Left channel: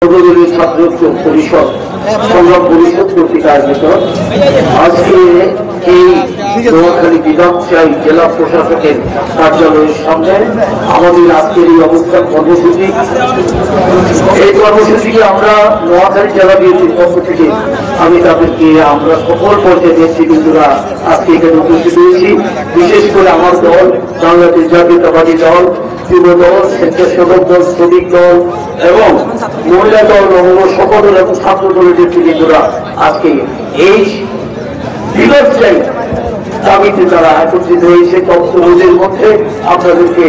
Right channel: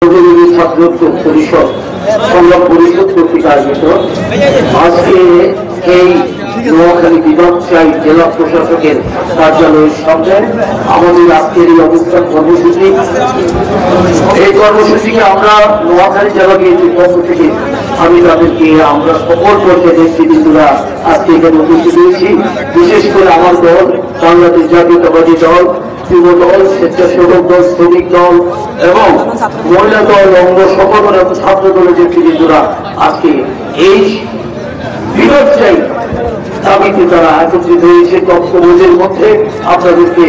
ছাত্র পরিষদ সংগ্রাম পরিষদ কর্তৃক আয়োজিত আজকে এই নোয়াখালী বিধানসভায় জেলা প্রশাসকের কার্যালয়ের সামনে আমাদের আজকের এই অবস্থান কর্মসূচি। এই কর্মসূচিকে আমরা নোয়াখালী জেলা বিএনপির পক্ষ থেকে আমি তাদেরকে আমরা সকল পর্যায়ে নেতৃবৃন্দরা আজকে এখানে উপস্থিত হয়েছি। বিশেষ করে আমার দল বাংলাদেশ জাতীয়তাবাদী দল, যুব দল, স্বেচ্ছাসেবক দল, শ্রমিক দল এবং মহিলা দল, অঙ্গ সকল ছাত্র দলের নেতৃবৃন্দরা আজকে এই বিপর্যয় দাবিতে তারা একত্রিত হয়েছে। বক্তব্যের মধ্যে আপনাদেরকে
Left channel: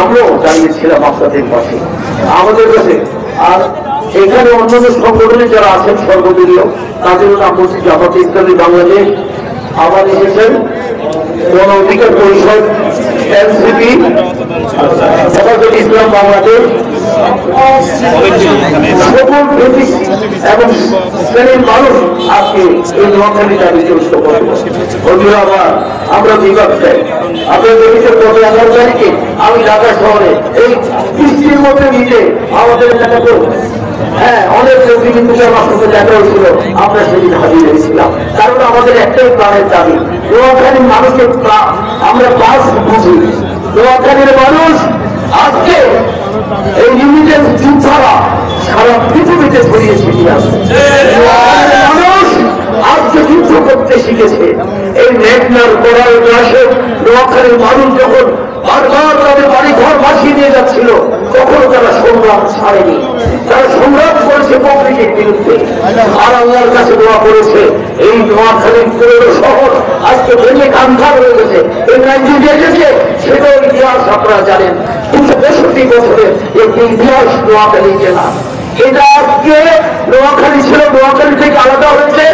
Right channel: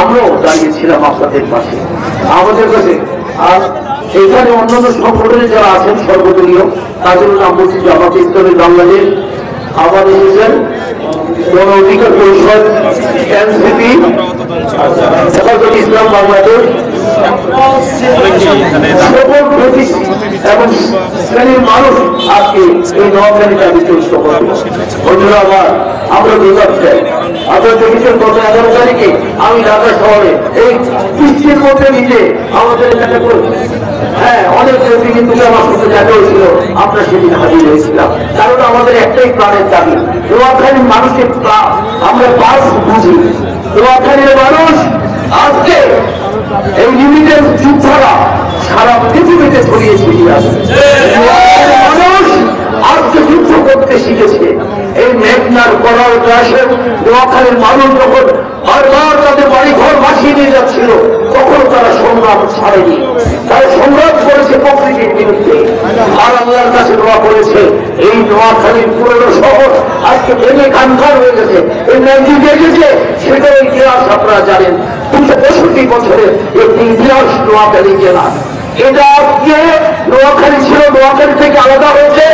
আমরাও দাঁড়িয়েছিলাম আপনাদের পাশে আমাদের কাছে। আর এখানে অন্যান্য সংগঠনে যারা আছেন সর্বদলীয় তাদের নাম বলছি জামাতে ইসলামী বাংলাদেশ, আওয়ামী লীগের গণ অধিকার পরিষদ, এনসিপি, হেফাজতে ইসলাম বাংলাদেশ এবং শ্রেণীর মানুষ আজকে এই নোয়াখালী দাবি চলছে। আমরা বিভাগ চাই। আপনার দেখেছেন গত 11 তারিখে আমি ঢাকা শহরে এই বৃষ্টির মধ্যে নিজে আমাদের দেখা করব। হ্যাঁ, অনেক ব্যক্তি কিন্তু আমার সাথে দেখা হয়েছিল, আমরা সেদিন হাজির হয়েছিলাম। কারণ আমাদের একটাই প্রাণের দাবি, নোয়াখালীর মানুষকে আমরা পাস বুঝি। নোয়াখালীর মানুষ আজকে এই লিমিটেড যুগ ছাড়া সারা পৃথিবীতে ছড়িয়ে ছিটিয়ে আছে। মানুষ আজকে যুদ্ধ করতে শিখেছে। এই মেঘনার করার ক্লাসে নোয়াখালীর মানুষ যখন বারবার তাদের বাড়ি ঘর ভাসিয়ে দিয়ে যাচ্ছিল তখন তারা সংগ্রাম ছাড়েনি, তারা সংগ্রাম করেছে প্রকৃতির বিরুদ্ধে। আর আল্লাহর কাছে দোয়া করেছে এই নোয়াখালীর পুরনো শহর আজকে ভেঙে খানখান হয়ে গেছে। এই ন্যায্য গেছে সেটাও ইতিহাস আপনারা জানেন। 265 বছরের একটি ইতিহাস নোয়াখালী জেলা। এটা আজকে নোয়াখালী ছিল, নোয়াখালী থেকে আলাদা হয়েছে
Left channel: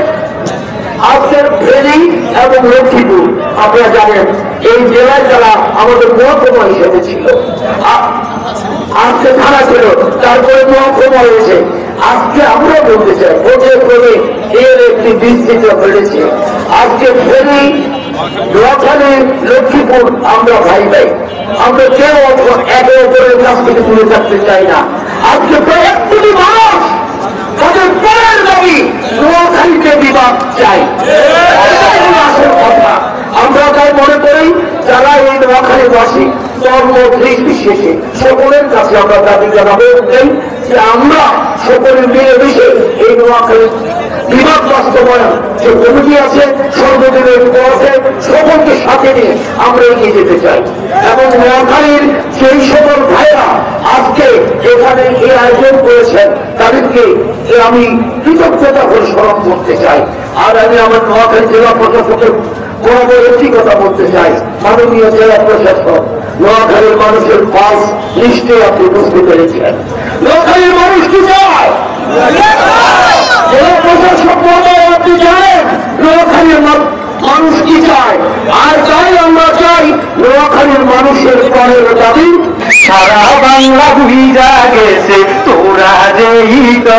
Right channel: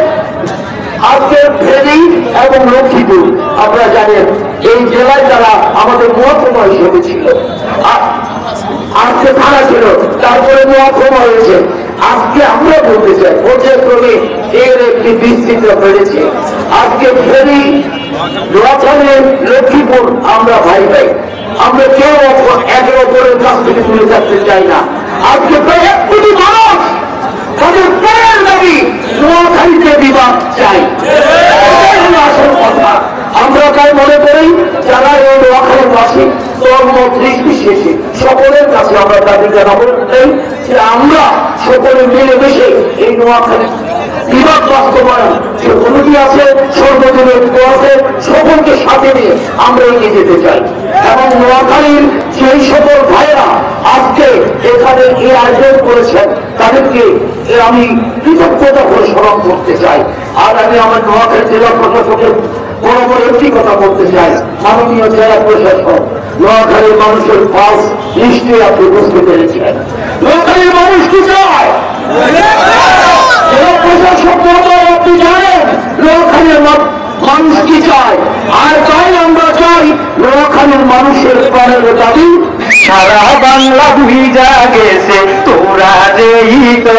আজকে ফেনী এবং লক্ষ্মীপুর। আপনারা জানেন এই জেলায় যারা আমাদের মহকুমা হিসেবে ছিল, আজকে থানা ছিল, তারপরে মহকুমা হয়েছে। আজকে আমরা বলতে চাই পর্যায়ক্রমে এর একটি বিস্তৃত বেড়েছে। আজকে ফেনী, নোয়াখালী, লক্ষ্মীপুর আমরা ভাই ভাই, আমরা কেউ একে অপরের কাছ থেকে তুলে থাকতে চাই না। আজকে প্রায় 1 কোটি মানুষ তাদের প্রাণের দাবি নোয়াখালীতে বিভাগ চাই। আসল কথা আমরা তাই মনে করি যারা এই নোয়াখালীবাসী ধর্ম নির্বিশেষে সকলের কাছে আমরা দাবি জানাবো যে আমরা সকলে মিলেমিশে এই নোয়াখালী বিভাগ বাস্তবায়ন যে কমিটি আছে, সর্বজনীন আছে, সকলকে সাথে নিয়ে আমরা এগিয়ে যেতে চাই। এবং নোয়াখালীর সেই সকল ভাইরা আজকে এখানে এই আয়োজন করেছেন তাদেরকে আমি কৃতজ্ঞতা করে স্মরণ করতে চাই। আর আমি আমার নোয়াখালী জেলা প্রশাসকের বরাবর একটি কথা বলতে চাই, মাননীয় জেলা প্রশাসক, নোয়াখালীর মানুষের পাশ নিশ্চয়ই আপনি বুঝতে পেরেছেন। নোয়াখালীর মানুষ কি চায়? জেলা প্রশাসক আপনি জানেন নোয়াখালীর মানুষ কি চায়? আর চাই আমরা চাই নোয়াখালীর মানুষের প্রাণের দাবি। সারা বাংলা ভিজা গেছে তোরা যেই তো